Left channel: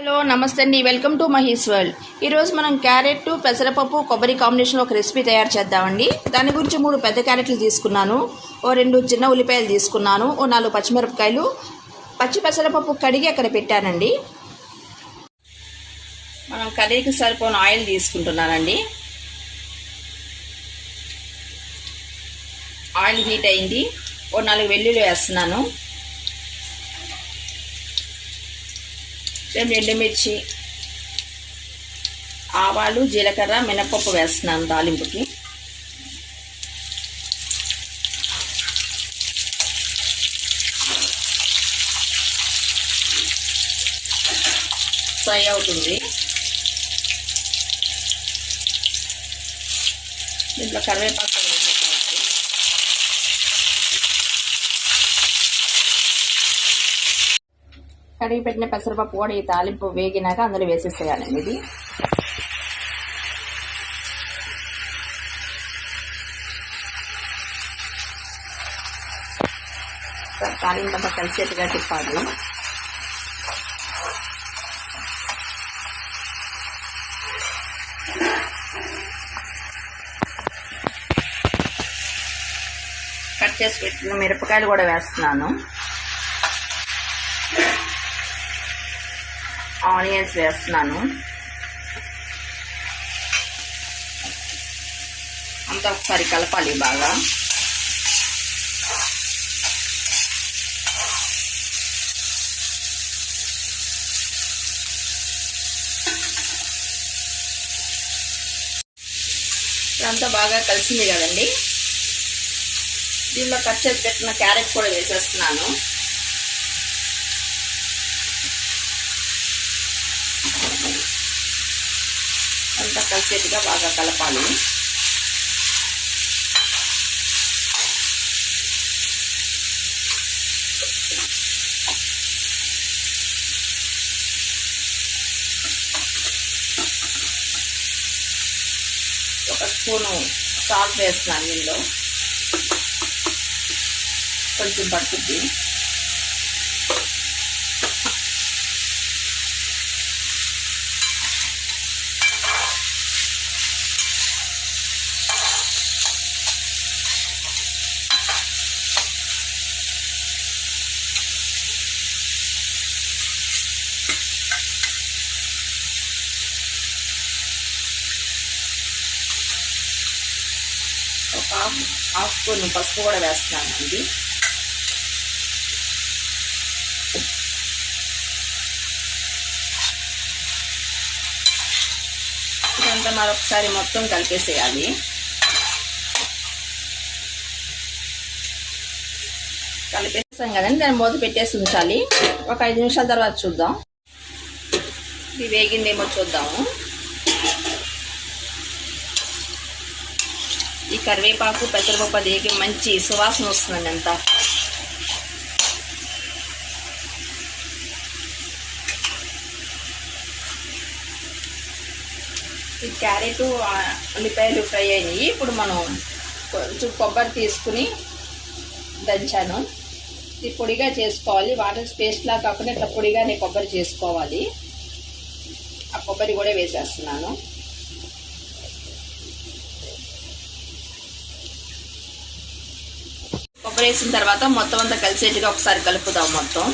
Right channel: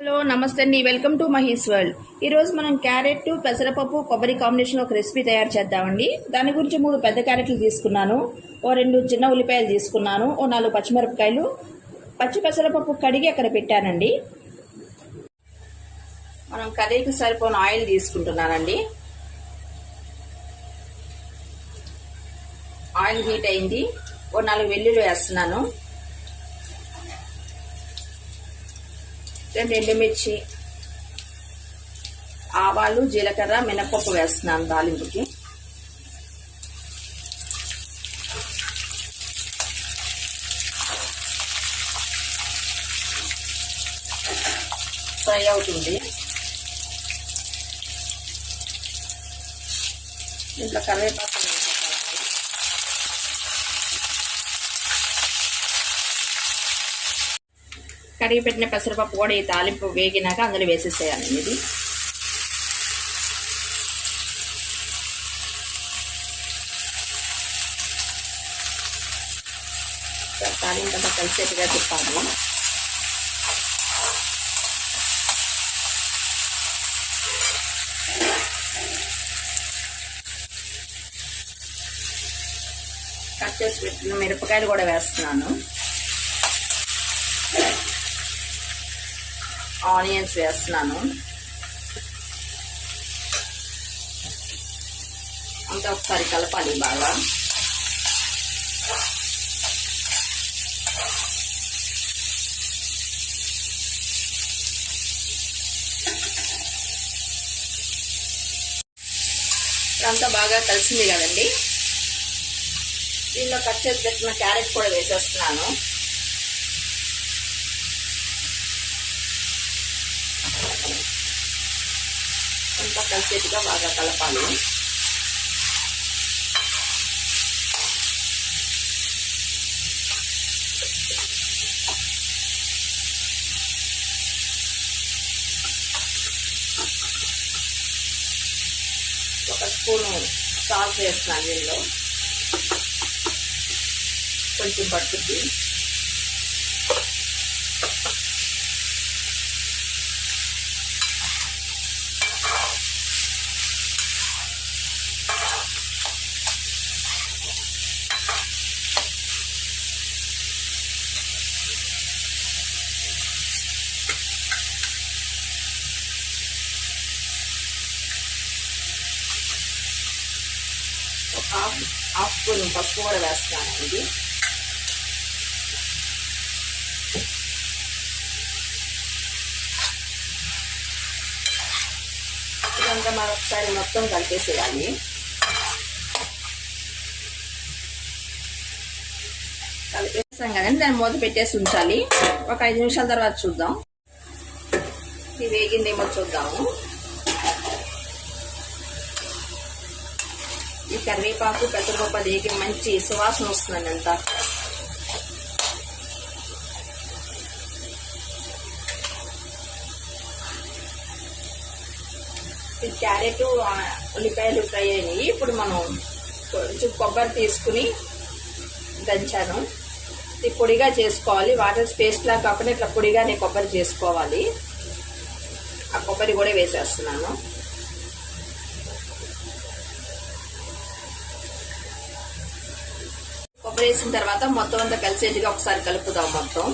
Hello నమస్తే అండి, welcome to Mahi's world. ఈరోజు మనం క్యారెట్ పెసరపప్పు కొబ్బరి కాంబినేషన్లో ఒక రెసిపీ తయారు చేద్దామండి. దాని గురించి 3 పెద్ద క్యారెట్లు తీసుకున్నాను, 2 చిన్న ఉల్లిపాయలు తీసుకున్నాను, 4 పచ్చిమిరపకాయలు, పచ్చి పెసరపప్పు కడిగి అక్కడ పెట్టానండి. మనం కర్రీకి సరిపోయిన ఆయిల్ తీసుకుంటున్నానండి. ఆయిల్ హీట్ అయింది, 4 వెల్లుల్లి వేస్తున్నాను, 2 ఎండుమిర్చి, ఆవాలు, జీలకర్ర, మినపప్పు వేస్తున్నాను తాలింపుకి. ఫ్రై అవుతుంది. దీంట్లో కరివేపాకు కడిగి పెట్టిన పెసరపప్పు కూడా ఈ తాలింపు వేగినాక అందులో వేసేసేయాలండి. ఇది తాలింపు అంతా కలిసేట్టుగా తిప్పాలి. కట్ చేసి పెట్టిన మిరపకాయలు కూడా వేస్తున్నాను, ఆనియన్స్ వేస్తున్నాను. అంతా ఒకసారి కలపాలి బాగా. అంతా బాగా కలిసింది కదండి. దీనిలో కట్ చేసి పెట్టిన క్యారెట్ కూడా వేసేస్తున్నాను. అంతా కలిసేట్టుగా బాగా కలపాలి. ఒక స్పూను సాల్ట్ వేస్తున్నాను, దీనిలో కొంచెం పట్టుద్ది. ఒక హాఫ్ స్పూన్ పసుపు కూడా వేస్తున్నాను. ఇది ఇదంతా మరొకసారి మొత్తం కలిపేసేయాలి. కలిపేసాం కదండి, దాన్ని మూత పెట్టేసి ఉంచాలి. ఒక 5 నిమిషాల తర్వాత చూద్దాం. ఇది వేగిందేమో చూద్దాము. ఈ కరివేపాకు పెసరపప్పు అది మంచి సువాసన వస్తుందండి. అంతా ఈ క్యారెట్ ఉల్లిపాయలు ఫ్రై అయినాయి. ఇప్పుడు మనం కొంచెం కొబ్బరి తీసుకుని దంచాను. ఇది పొడిగా చేసుకోవాలి, వాటర్ పేస్ట్లా కాకుండా ఇట్లా పొడిగానే కొబ్బరి చేసుకోవాలి. ఆ కొబ్బరి కూడా వేసేస్తున్నాను. కొబ్బరి వేసిన తర్వాత మొత్తం అంతా కలిసేట్టుగా ఒకసారి కలుపుదాం. మొత్తం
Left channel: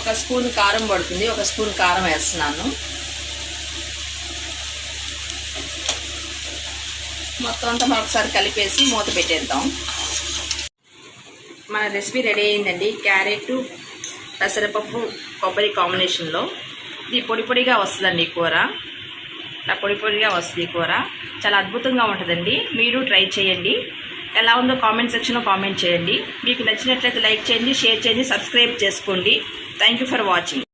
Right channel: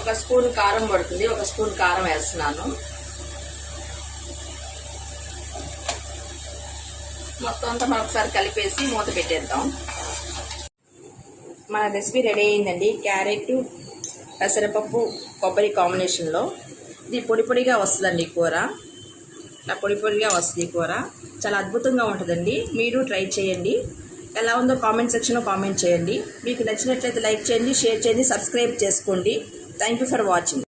ఒక స్పూన్ కారం పడుతుంది, ఒక స్పూన్ కారం వేస్తున్నాను. మొత్తం అంతా మరొకసారి కలిపేసి మూత పెట్టేద్దాం. మన రెసిపీ రెడీ అయిందండి. క్యారెట్ పెసరపప్పు కొబ్బరి కాంబినేషన్లో ఇది పొడి పొడిగా వస్తుందండి. కూర ఇలా పొడి పొడిగా వస్తుంది. కూర చాలా అద్భుతంగా ఉంటుందండి. మీరు ట్రై చేయండి. ఎలా ఉందో కామెంట్ సెక్షన్లో కామెంట్ చేయండి. మీకు నచ్చినట్లయితే లైక్ చేయండి, షేర్ చేయండి, సబ్స్క్రైబ్ చేసుకోండి. Thank you for watching.